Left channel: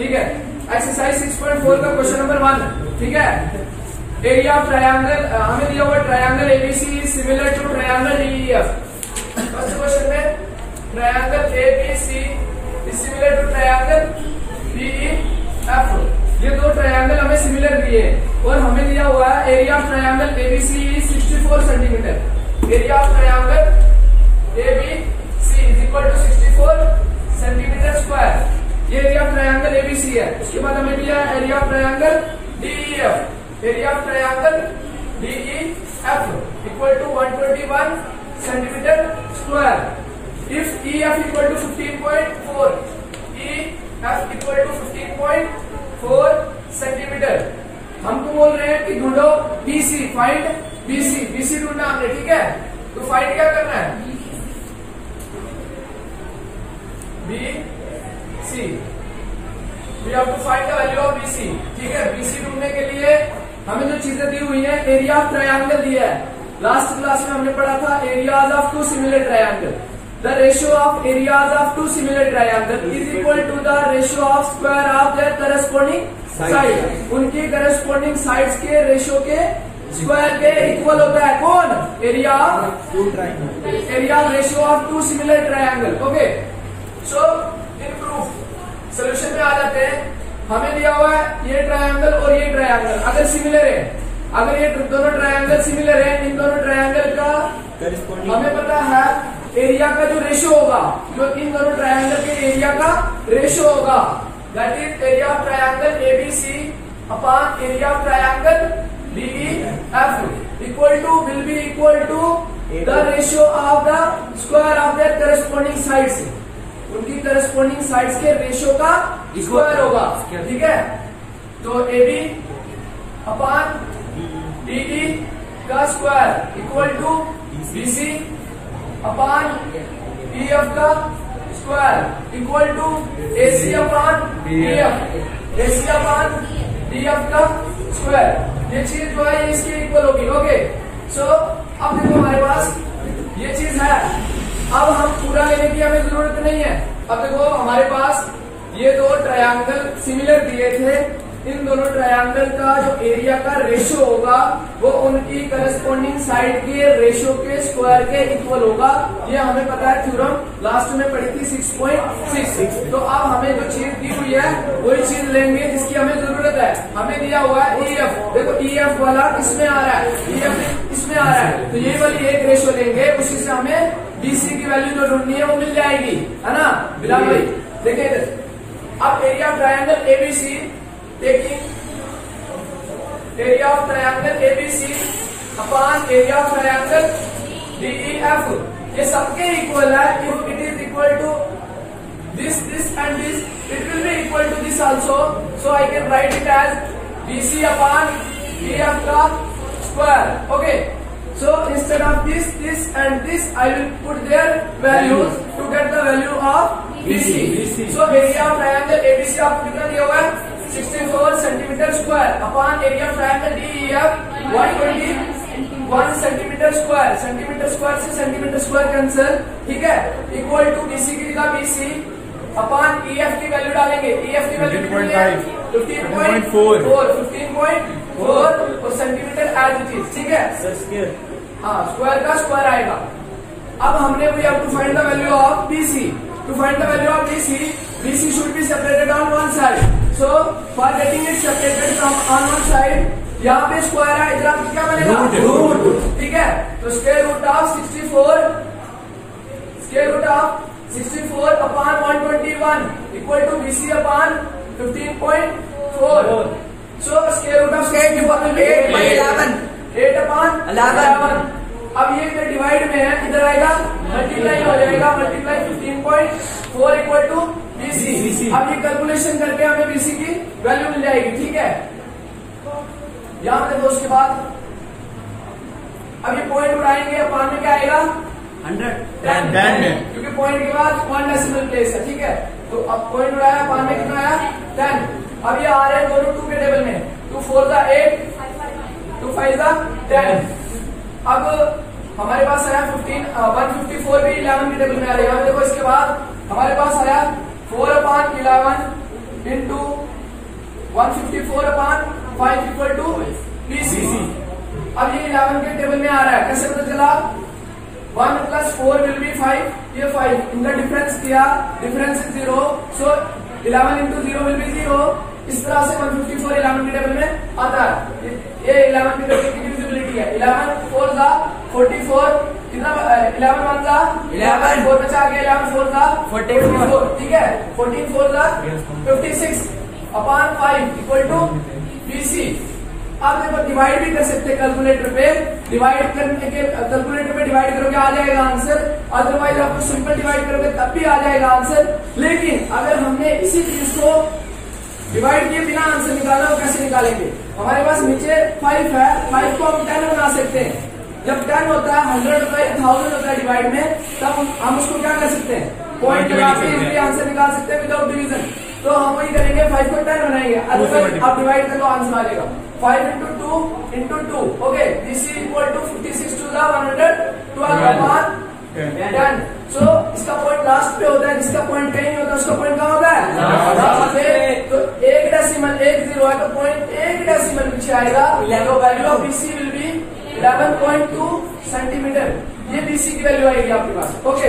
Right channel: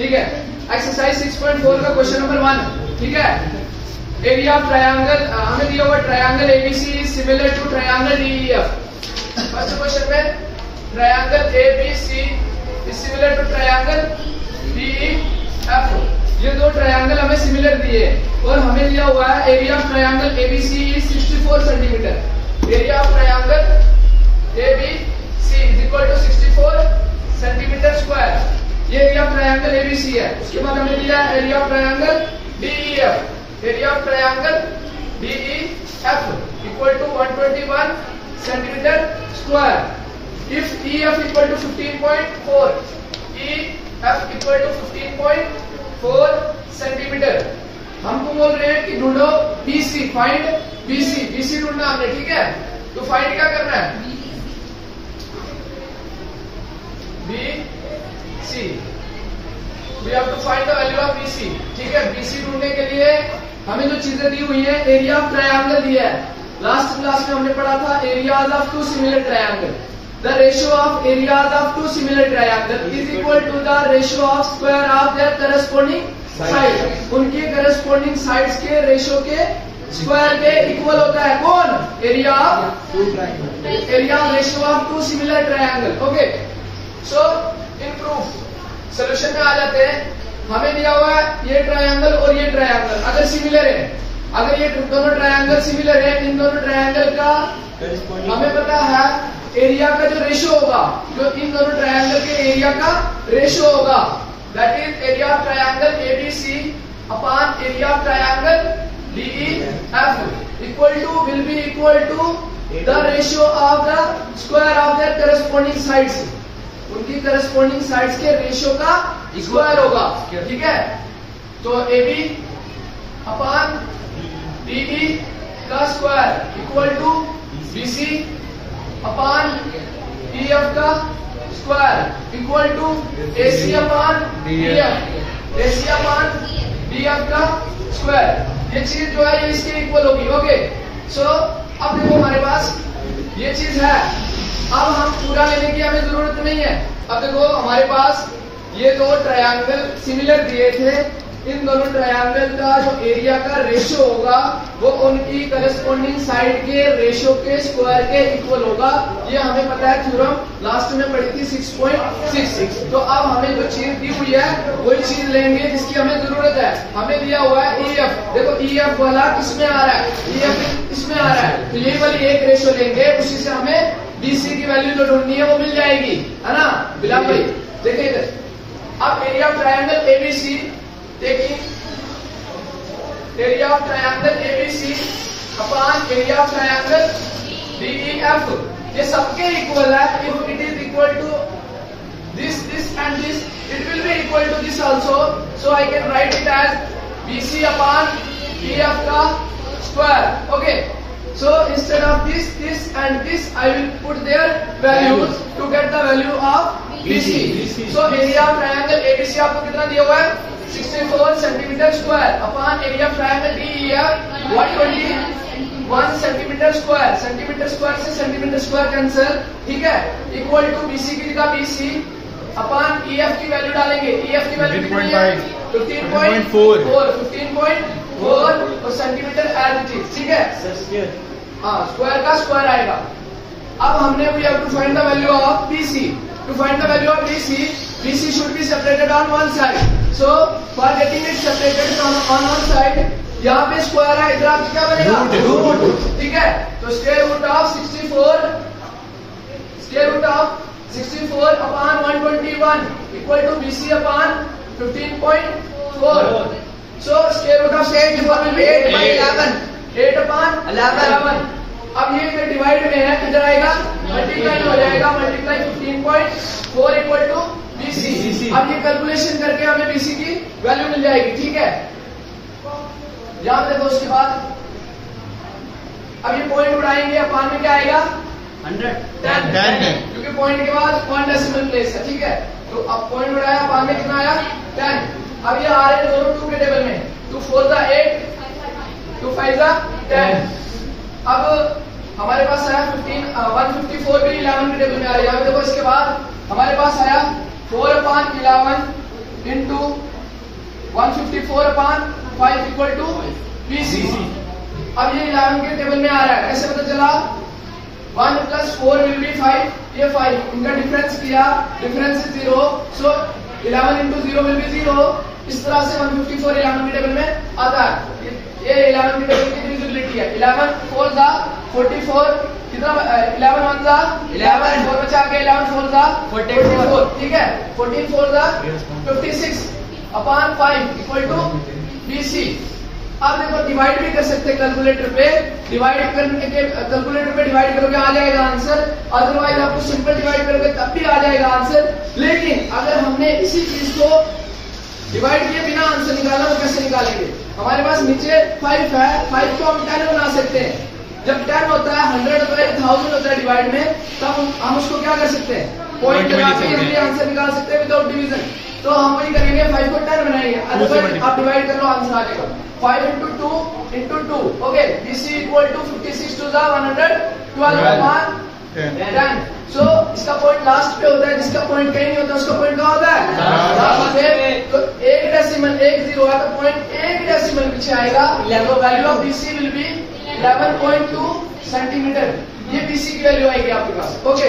ठीक है। एक्सरसाइज 6.4 का क्वेश्चन नंबर 1, ठीक है। एरिया ऑफ ट्रायंगल, हमें दिया हुआ triangle ABC is similar to triangle DEF. First question में triangle ABC is similar to triangle DEF. ये दो ट्रायंगल हमें सिमिलर दिए और हमें दिया हुआ है area of triangle ABC is 64 centimetre. Area of triangle ABC is equal to 64 centimetre square. ये एरिया ऑफ ट्रायंगल एबीसी है। उसके बाद हमें दिया है area of triangle DEF. Area of triangle DEF equal to 121 centimetre square. If EF equal to 15.4, EF equal to 15.4 centimetre. हमको बोल रहे हैं कि ढूंढो BC, फाइंड BC। BC ढूंढना हमने, ठीक है। तो फाइंड क्या करना है? BC। We have to find the value of BC, ठीक है। BC ढूंढने के लिए हमें जो चीजें दी हुई है, एरिया ऑफ ट्रायंगल दिया है। लास्ट क्लास में हमने पढ़ा था areas of two similar triangle. The ratio of areas of two similar triangle is equal to the ratio of square of their corresponding side. उनके करस्पॉन्डिंग साइड्स के ratio के square के इक्वल होता है कौन? Area of two triangle, area ratio of two similar triangle. Okay, so इन proof solution में आ जाते हैं। हमें दिया हुआ है ये ट्रायंगल और ये ट्रायंगल अगर सिमिलर है, अगर ये दोनों ट्रायंगल सिमिलर है, इन दोनों ट्रायंगल का हमें पता है एरिया का जो रेशियो होगा, जो इन दोनों ट्रायंगल के एरिया का रेशियो होगा, that is area of triangle ABC upon area of triangle DEF equal to will be equal to the ratio of the square of their corresponding sides. उनकी corresponding sides के ratio का square होगा, ठीक है। तो AB upon DE का square equal to BC upon EF का square equal to AC upon DF, AC upon DF का स्क्वायर। ये चीज जो है ये इसकी इक्वल होगी। ओके, सो अब देखो हमारे पास ये चीज है। अब हम पूरा लेने की हमें जरूरत नहीं है। अब देखो हमारे पास ये दो ट्रायंगल सिमिलर दिए थे। इन दोनों ट्रायंगल का जो एरिया का रेशियो होगा वो उनकी करस्पॉन्डिंग साइड के रेशियो के स्क्वायर के इक्वल होगा। ये हमें पता है, थ्योरम लास्ट में पढ़ी थी 6.6। तो अब हमें जो चीज दी हुई है वही चीज लेंगे जिसकी हमें जरूरत है। हमें दिया हुआ है EF। देखो EF वाला किसमें आ रहा है? EF इसमें आ रहा है। तो यही वाली एक रेशियो लेंगे, उसी से हमें BC की वैल्यू जो ढूंढनी है वो मिल जाएगी, है ना बिलाल भाई? देखिए इधर, अब area of triangle ABC, taking area of triangle ABC upon area of triangle DEF, ये सबके इक्वल है। If it is equal to this and this, it will be equal to this also. So I can write it as BC upon DF का square. Okay, so instead of this and this, I will put their values to get the value of BC. So area of triangle ABC आपको कितना दिया हुआ है? 64 centimetre square upon area of triangle DEF 121 centimetre square. Centimetre square से centimetre square cancel, ठीक है। Equal to BC की जगह BC अपॉन EF की वैल्यू डालेंगे। EF की वैल्यू कितनी है? 15.4 और सेंटीमीटर एज इट इज, ठीक है। हाँ, स्क्वायर का स्क्वायर आएगा। अब हमने we have to find the value of BC। To find the value of BC should be separated on one side. So for getting it separated from on one side, यहाँ पे square है, इधर आपको क्या बनेगा? रूट, ठीक है। तो square root of 64 upon 121 equal to BC upon 15.4। So square root of 64 will be 8 upon 11। अब ये इधर डिवाइड में है, इधर आएगा मल्टीप्लाई हो जाएगा, मल्टीप्लाई 15.4 इक्वल टू BC। अब ये कैलकुलेशन करके हमें BC की वैल्यू मिल जाएगी, ठीक है। यहाँ पे देखो, उसके बाद अब ये पॉइंट उड़ाएंगे, अपान में क्या आएगा? 10, क्योंकि पॉइंट के बाद 1 डेसिमल प्लेस है, ठीक है। तो अब पॉइंट उड़ाया, अपान में कितना आया? 10। अब ये आ रहे हैं दोनों 2 के टेबल में, 2 4 8, 2 5 10। अब हमारे पास आया 154 भी 11 के टेबल में आ रहा है। देखो इसके बाद हमारे पास आया 4/11 इंटू 154/5 इक्वल टू BC। अब ये 11 के टेबल में आ रहा है, कैसे पता चला? 1 + 4 विल बी 5, ये 5, इनका डिफरेंस किया, difference is 0, so 11 × 0 will be 0। इस तरह से 154 11 के टेबल में आता है। ये 11 के टेबल की डिविजिबिलिटी है। 11 4 ज़ा 44, कितना 11 1 ज़ा 11, 4 बचा के 11 4 ज़ा 44, ठीक है। 14 4 ज़ा 56/5 इक्वल टू BC। आप देखो डिवाइड भी कर सकते हैं कैलकुलेटर पे, डिवाइड करने के कैलकुलेटर पे डिवाइड करोगे आ जाएगा आंसर, अदरवाइज आपको सिंपल डिवाइड करोगे तब भी आ जाएगा आंसर। लेकिन अगर हमने इसी चीज को डिवाइड किए बिना आंसर निकालना तो कैसे निकालेंगे? हमारे पास नीचे 5 है, 5 को हम 10 बना सकते हैं। जब 10 होता है, 100 होता है, 1000 होता है डिवाइड में, तब हम उसको क्या कर सकते हैं? पॉइंट लगा के इसलिए आंसर निकाल सकते हैं विदाउट डिवीजन। तो हम वही करेंगे, 5 को 10 बनाएंगे, अदरवाइज आप डिवाइड कर लो आंसर आ जाएगा। 5 × 2 × 2, ओके। BC इक्वल टू 56 2 ज़ा 112/10। सो इसका पॉइंट लास्ट पे होता है, जिसका पॉइंट कहीं नहीं होता उसका पॉइंट कहाँ होता है? तो 1 डेसिमल 1 0 है तो पॉइंट 1 डेसिमल पीछे आएगा। तो value of BC will be 11.2 centimetre. ये BC की वैल्यू आएगी आपके पास, ओके।